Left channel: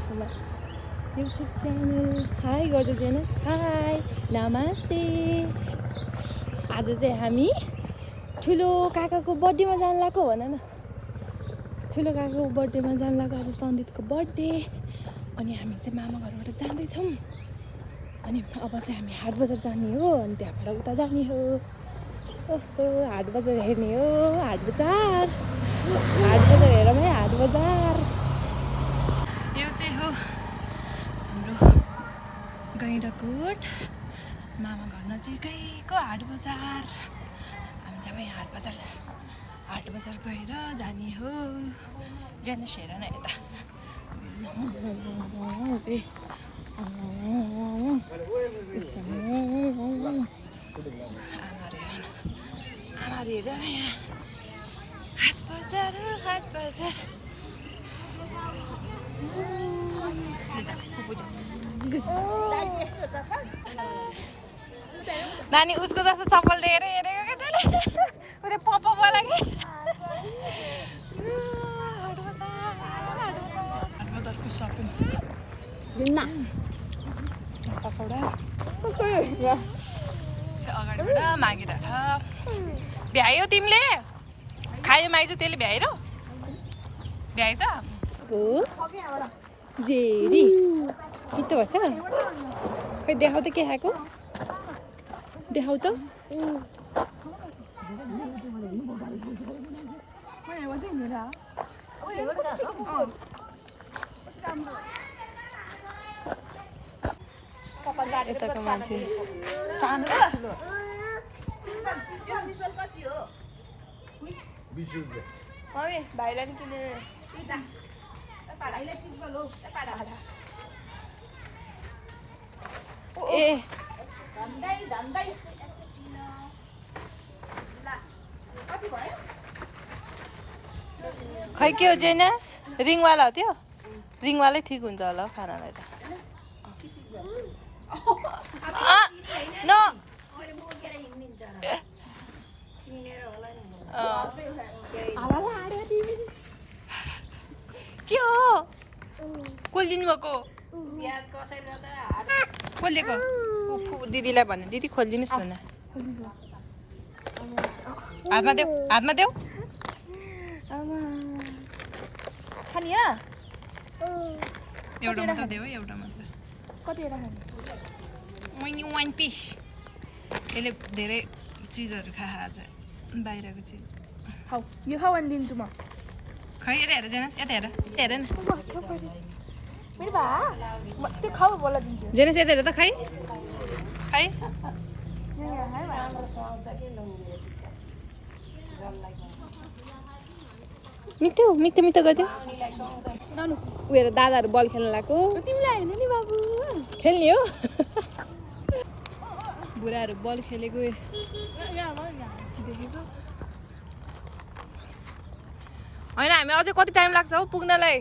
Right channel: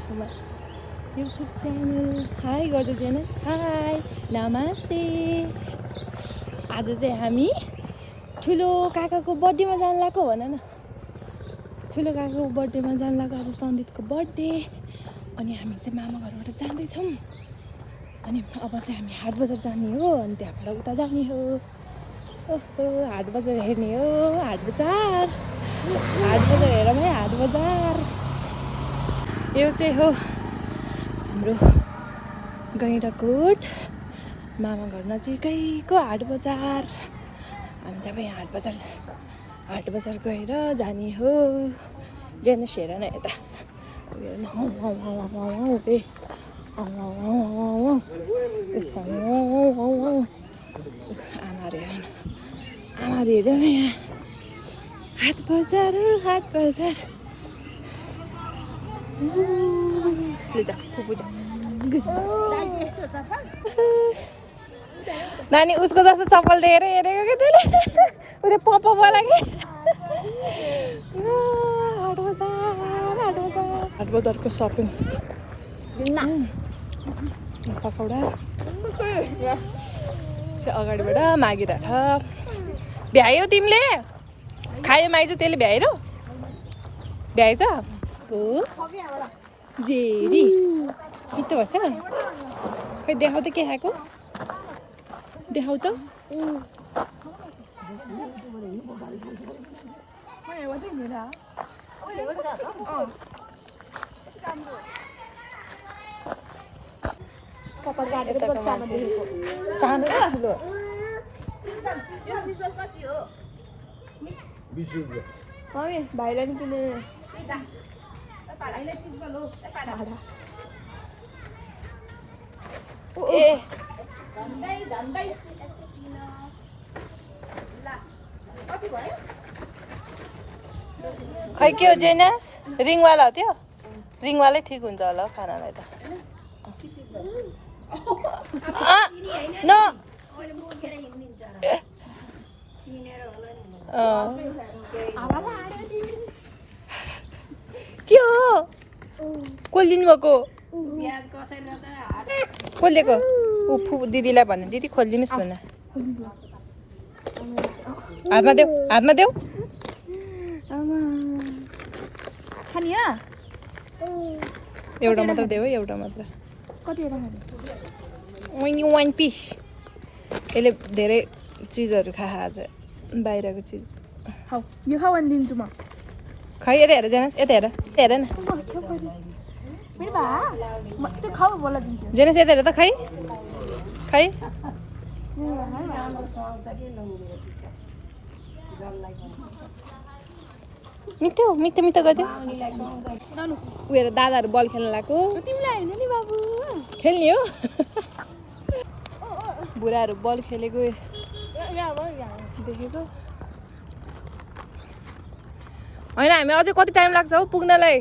छेउमा YouTube channel. High गर्दो genus, high नमस्ते। आज चाहिँ हामी ठुलो काकाको बर्थडेमा जानु लाग्यो भन न। ठुलो काकाको बर्थडेमा जानु लाग्यो, आज सन्दिपको बर्थडे। अनि हामी चाहिँ मामा घरबाट जाँदैछौँ। अनि अब चाहिँ हामी हाट बजार जाने हो, अनि त्यहाँबाट उता जाने हो। ओहो, हाट बजार हेर्ने हो, हाट बजार हेरौँ है, हाट बजार। यो चाहिँ हो हाम्रो गैँडाकोट मामा घर नजिकैको हाट बजार। हामी चाहिँ यहाँ हाट बजार गएर जाने हो। जेनस हेर न यता, आमाहरू हेर न यहाँ हाट बजार। नानी उसको जस्तो चप्पल लिएर हेरेको क्या त्यसले, उसले पप बोला क्या। हाट बजारको सपिङ पकौडा चाहिँ अगाडिबाट मागिरहेछ। भ्यायो तिमीले? खायो माइजू त्यसले भ्याएन? भ्याएछ को जेरी मिठो भएछ। खै देखाउ त के खाएको, देखाउ त। भाइलाई नि किने खै के हो जेनस? रिङवाला हो त्यो? रिङवालै ठिक हुन्छ होला खानालाई त। के हो? कसले लिनु भएको? खोलेको उफु दिदीलाई भन्ने, दिदी खोलिदिनुहोस् भन। हातमा देऊ। एउटा मात्र देऊ है, एउटा मात्र। One piece. यसले धेरै चिजहरू खा आज, बाहिरको चिज। यो खा अनि दिन्छु म। खै यता हेर जेनस, यता हेर न। जेनस यता हेर त, खै मिठो गरिदियो। ऊ हेर दादाहरू बल खेल्न लाग्यो। तिमीलाई होइन नि बाबु, खेल्ने हो। बुढाहरू बल खेलेको देखेको होइन। हामी अझै कति टाइम लाग्छ हौ पुग्नलाई?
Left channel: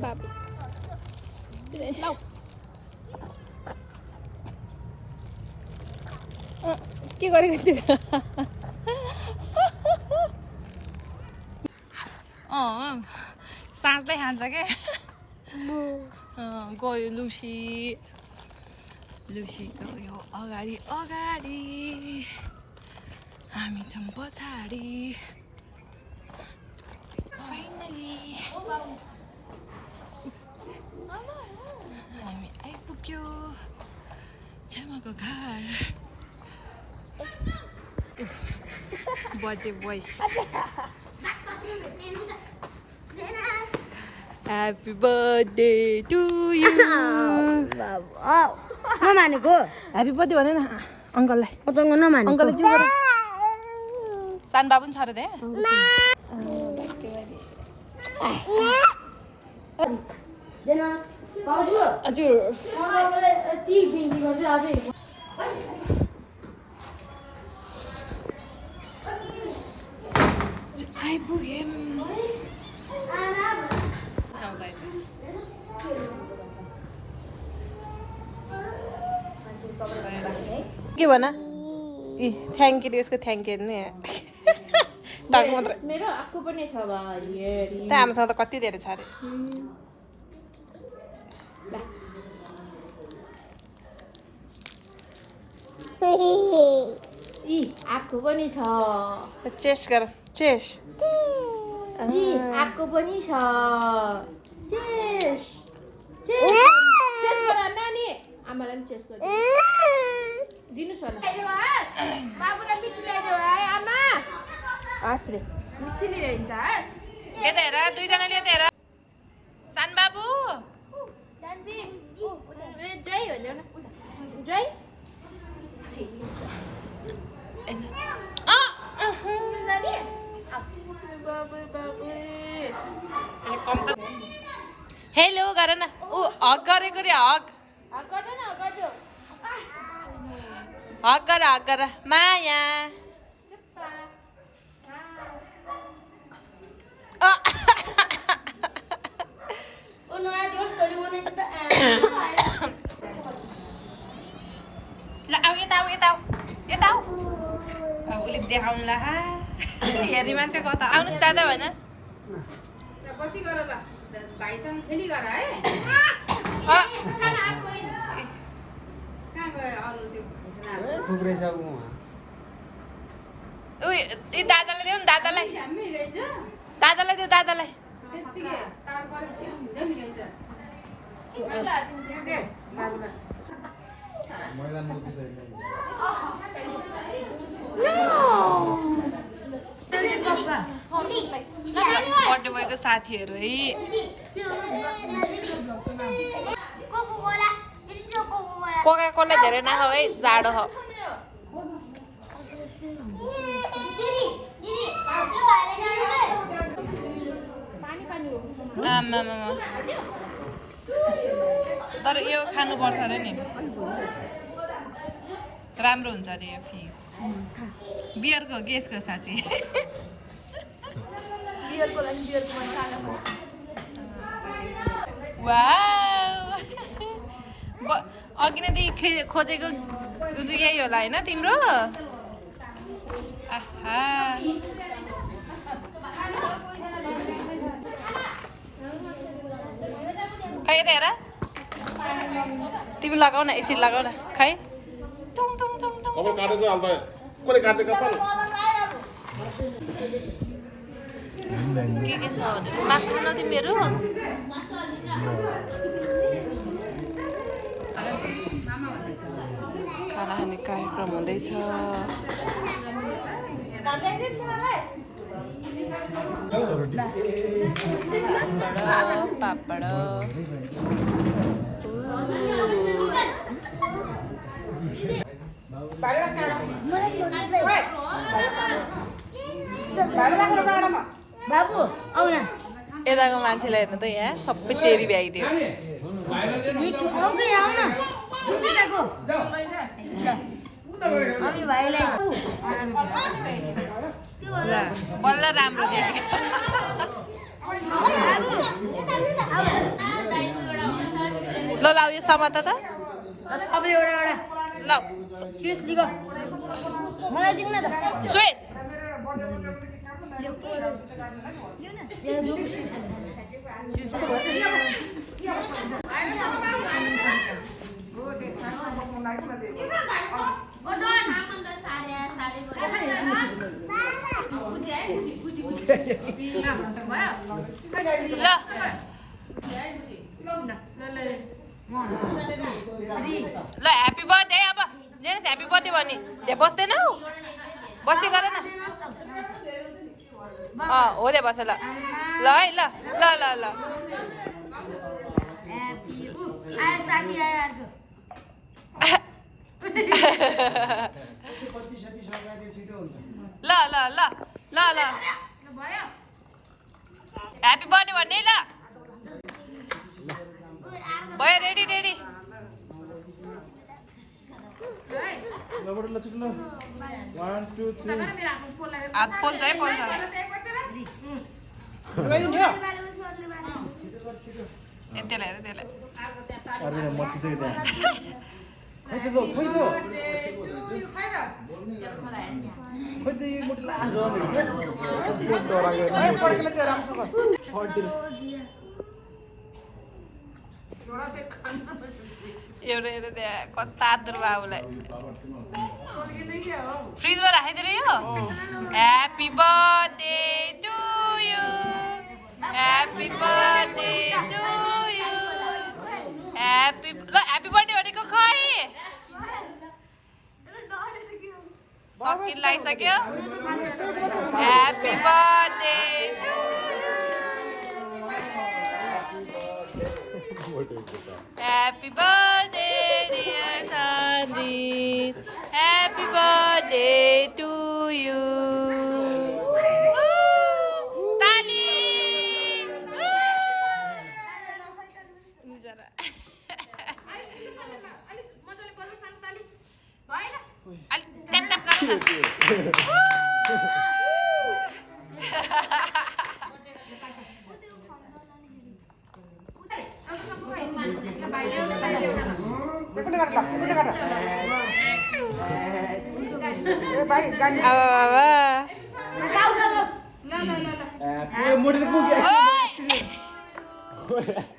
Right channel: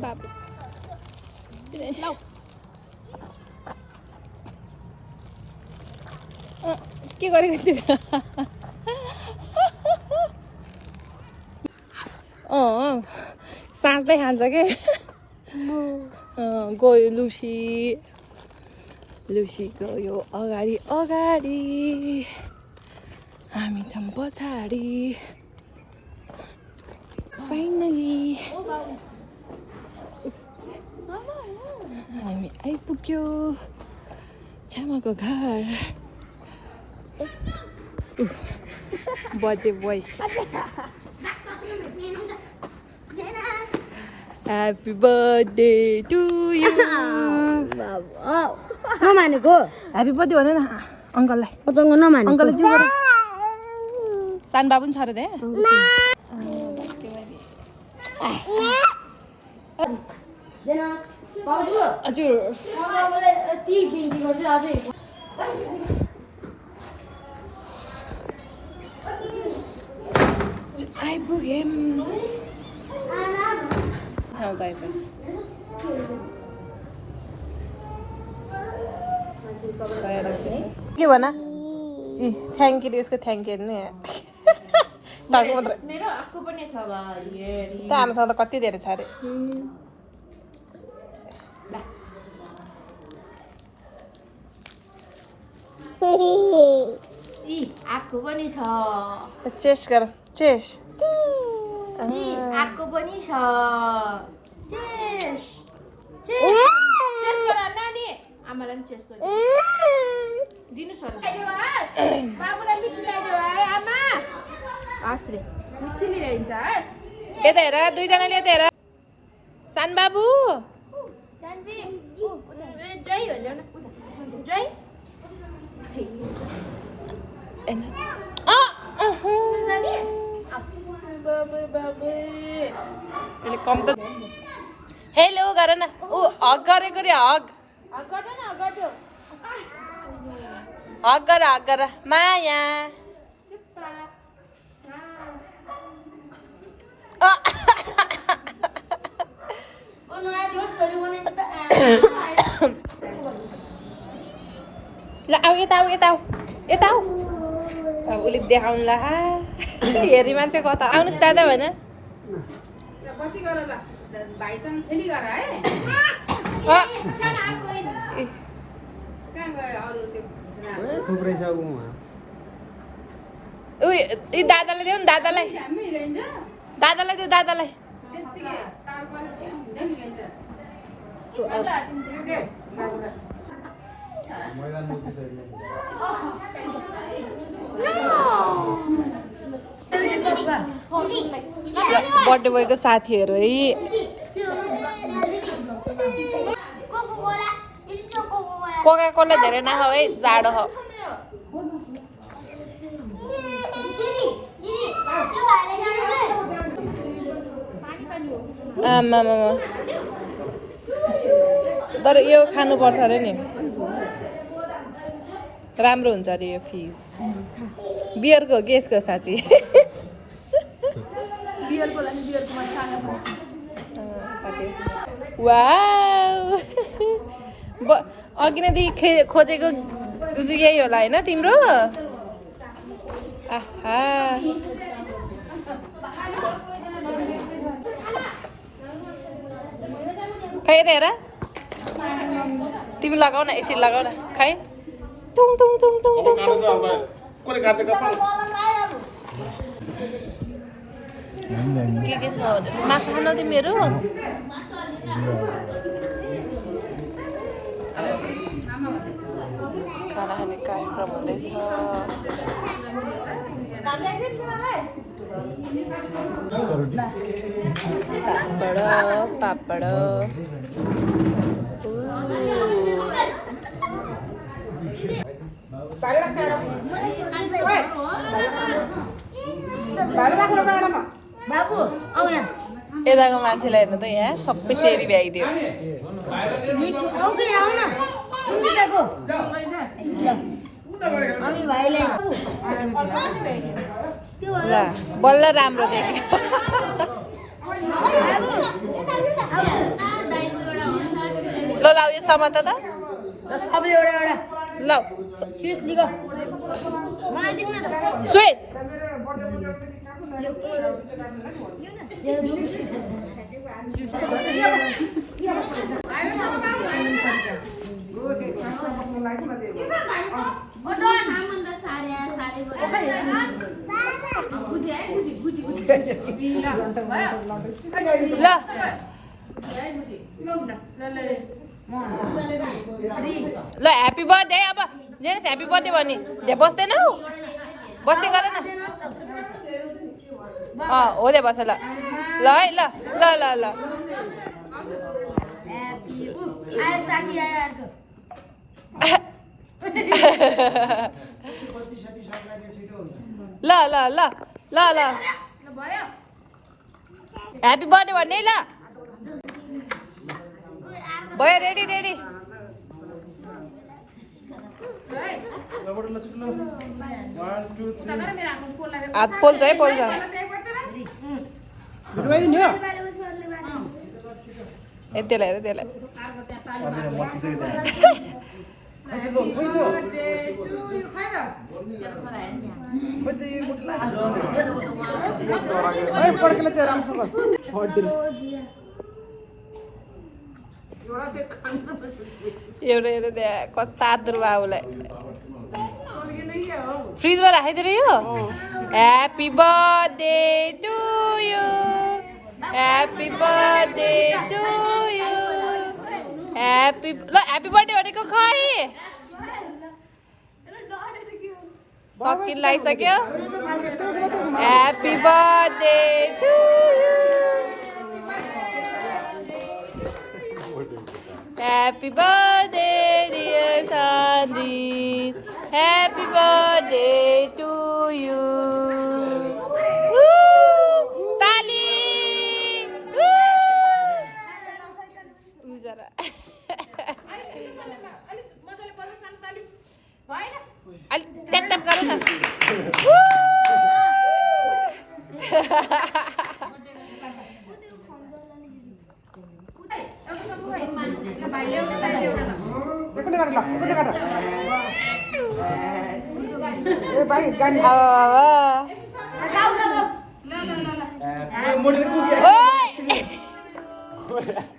बाबु के गरेको थियो? साँच्दै खान्छ के? गयो लुसी गयो अगाडि, हामी छौँ पछाडि। फाइनली हामी आइपुग्यो छामाको घर। Birthday boy, happy birthday to you. नमानेको ह्याप्पी बर्थडे भन न अङ्कललाई। नमानेको अङ्कललाई जिउ गर। सानो बाबु पनि छ र त्यहाँ? हजुर आइपुग्यौँ। के भन थ्याङ्क यू यसको थ्याङ्क यू नि टाउको मात्र आमासँग त कति धेरै छ अरे आएको पनि छ चेस गर चेस आएको पनि छ चेस चेस गर नानी आमालाई पनि चेस गर दिनुस् भने बाबुलाई मिठी ल्याइदेऊ है आमा हस् रे मिठी ल्याइदिन्छ हस् यता हेर दुईजनाले यता हेर सान बाबु जय हो ल्याउन जय हेलो गर न ऊ हग गरेको रे हग हग गर माया ल आऊ यता आऊ यता आऊ यता आऊ अब उसले देखाउनु ला हेरी मान्छे कता आउनुहोस् दादा भन पछि गर ल भाइसँग खेली गर है दादालाई देऊ न दादालाई दादालाई देऊ दादालाई बर्थडे बोयको साथीहरू है कोका कोला धेरै नखाऊ है जाडो हो आमा तर यो खानुपर्छ अरे नि राम्रो हुन्छ अरे यो फिज बियरको हो कि यसको साँच्ची वाउ अघि नै खोजेको यही होला होइन तिम्रो आहा खै यता हेर तिमी लगाऊ न यसरी लगाऊ न खै टुङ टुङ टुङ टुङ टुङ के छ भने माछा खान तिमीहरू खाना खाने कार्यक्रम हुँदैछ पापड यताको मान्छेलाई हेर्नु त यहाँ सबै चेरी भ्याइदियो ल बल्ल राम्रो देख्यो ल ल यो समात त ल स्विस ल ह्याप्पी बर्थडे अब जेस ह्याप्पी बर्थडे भनी दे बस्दैनौ बसी गर न हो दे बस ल ल है ल ल ल ल ल ल ल ल ल ह्याप्पी बर्थडे भन्ने ल भयो रेडी रेडी हात पोल्छ है पोल्छ त्यसलाई हेर त्यसलाई एउटा त्यहाँ कता दुर्बाबुलाई फ्रिजमा राखिदिएर यो happy birthday to you happy birthday to you happy birthday भनेको खै सकिन लगाइसक्यो happy birthday to you Happy birthday, dear Sandy. Happy birthday to you. Woo! Tali! Woo! Ujara. Ali tap tap garu na. Woo!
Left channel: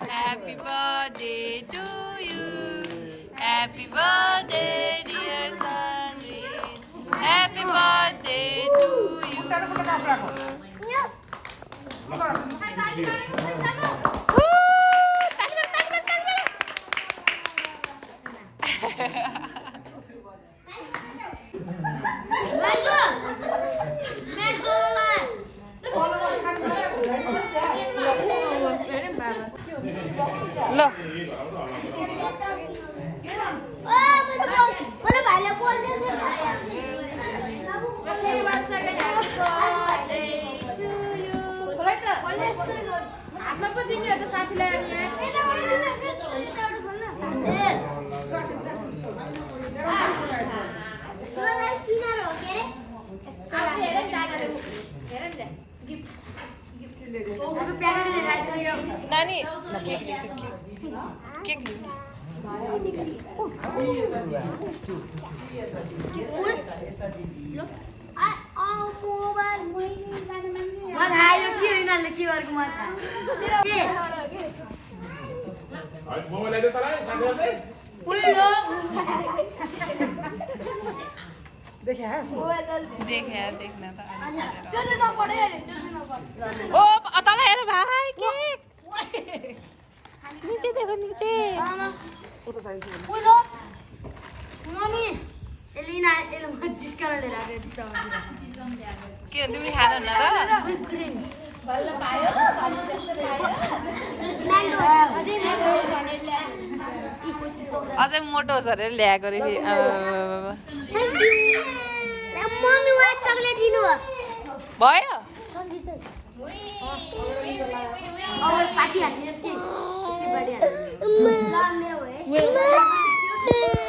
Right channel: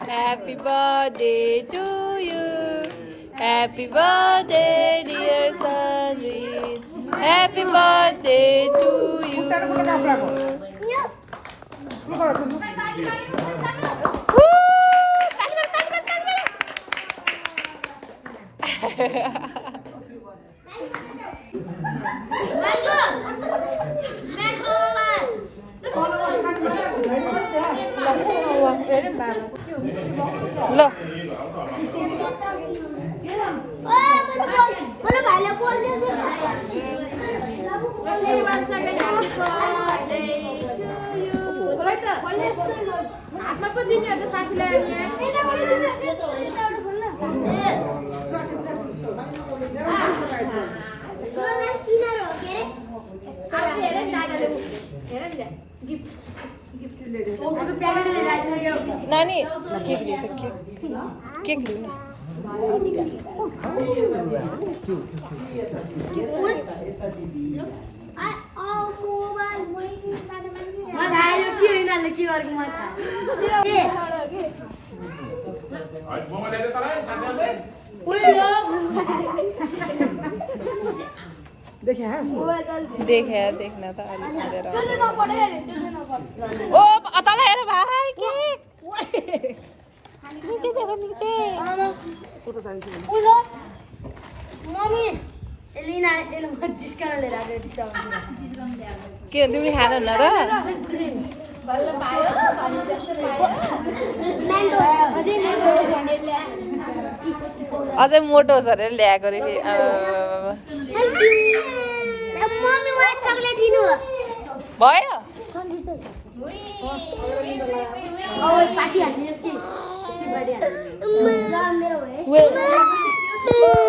Happy birthday to you. Happy birthday, dear Sunny. Happy birthday to you. Look. Nani, cake. देखे देखना था ओ अतला हेर भाइ cake नीचे देखो नीचे उयो mummy Elina Elina जिसका ले रहा है दिशा के तिमी खान ल र अझै मोटो छ रे ल्याएको रे मम्मी वाइ चकलेट दिनु भयो और पार्टी हाल्नु यसकी बर्थडे हाल्नु मेरो है